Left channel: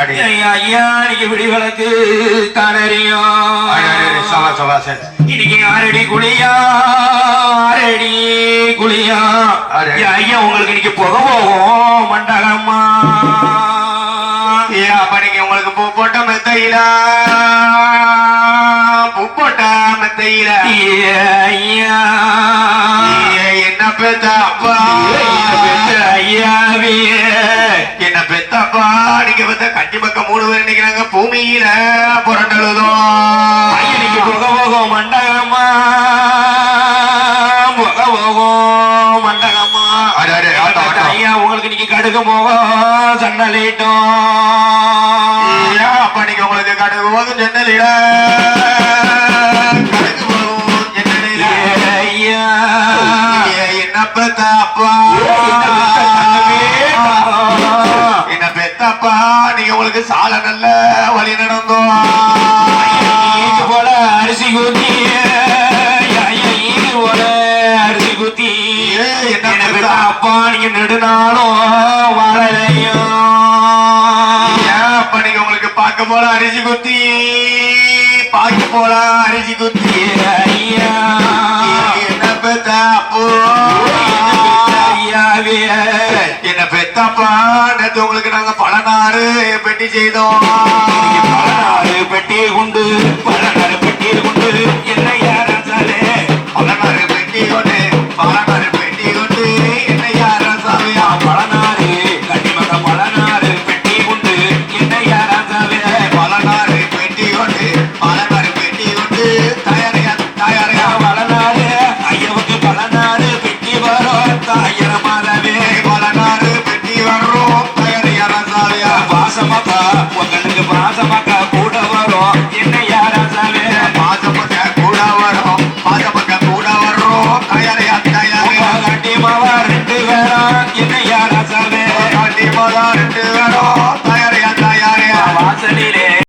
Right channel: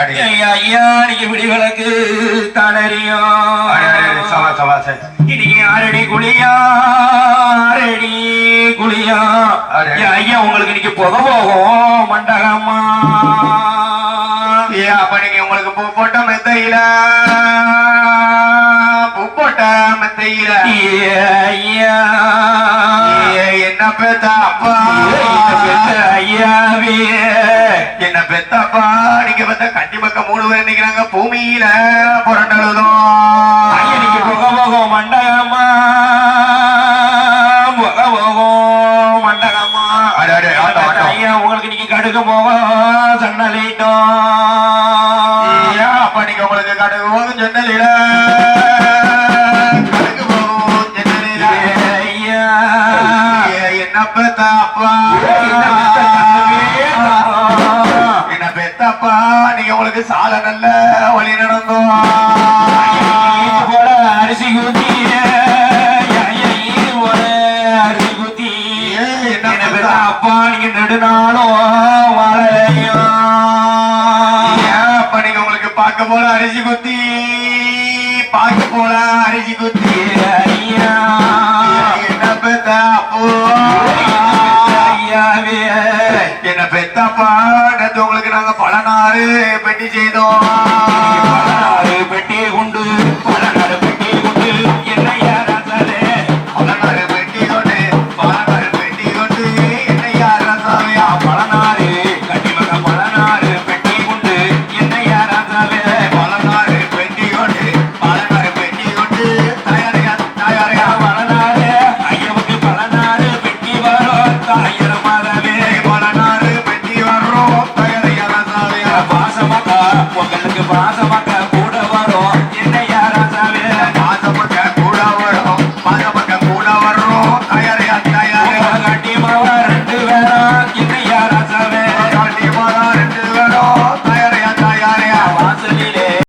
அடி. ஐயா ஐயா நீங்க விடிவிளக்கு தளரியும் சவா சவா சரி. இன்னைக்கு ஆறடி குழியா ஆறடி குழியா. ஐயா, உங்களுக்கு இன்னைக்கு புகை போகும் மண்டகம்மா. ஏ அப்ப நீங்க உங்களுக்கு பூ போட்ட மெத்தையில பூ போட்ட மெத்தையில. ஐயா, என்ன பெத்த அப்பா? பேர் நிக்கிறாங்க பூமியில புரண்டழுதும். ஐயனுக்கு புகை போகும் மண்டகம்மா புகை போகும் ஆட்டம். ஐயா உங்களுக்கு இன்னைக்கு கடுகு போகும் சன்னலிட்டும். அப்ப நீங்க உங்களுக்கு கடுகு போகும் ஜன்னலில கடுகு போகும் ஜன்னலில ஐயா. ஏ, என்ன பெத்த அப்பா சால நல்ல வழி நடந்தோம் போல அரிசி குத்தி போல அரிசி குத்தி என்ன அப்பா நீங்க நெடுநாளும் வாழலையும் அப்ப நீங்க உங்களுக்கு பார்க்க போல அரிசி குத்தி பாக்கி போல அரிசி குத்தி ஐயா. என்ன பெத்த அப்போ? என்ன பெத்தப்பா நேத்து உங்களுக்கு நாங்க பலனாறு பெட்டி செய்தோம். பெட்டி உண்டு. பாசமாக்கா உங்கனுக்கு பாசமாக்கா கூட வரும். என்ன யாராசாலே பாசமாக்கா கூட வரும். பாசமாக்கா கூட வரும் தயாரையா தயாரா. காட்டி மாவா ரெண்டு வேறா என்ன யாராசாவே காட்டி மாவா ரெண்டு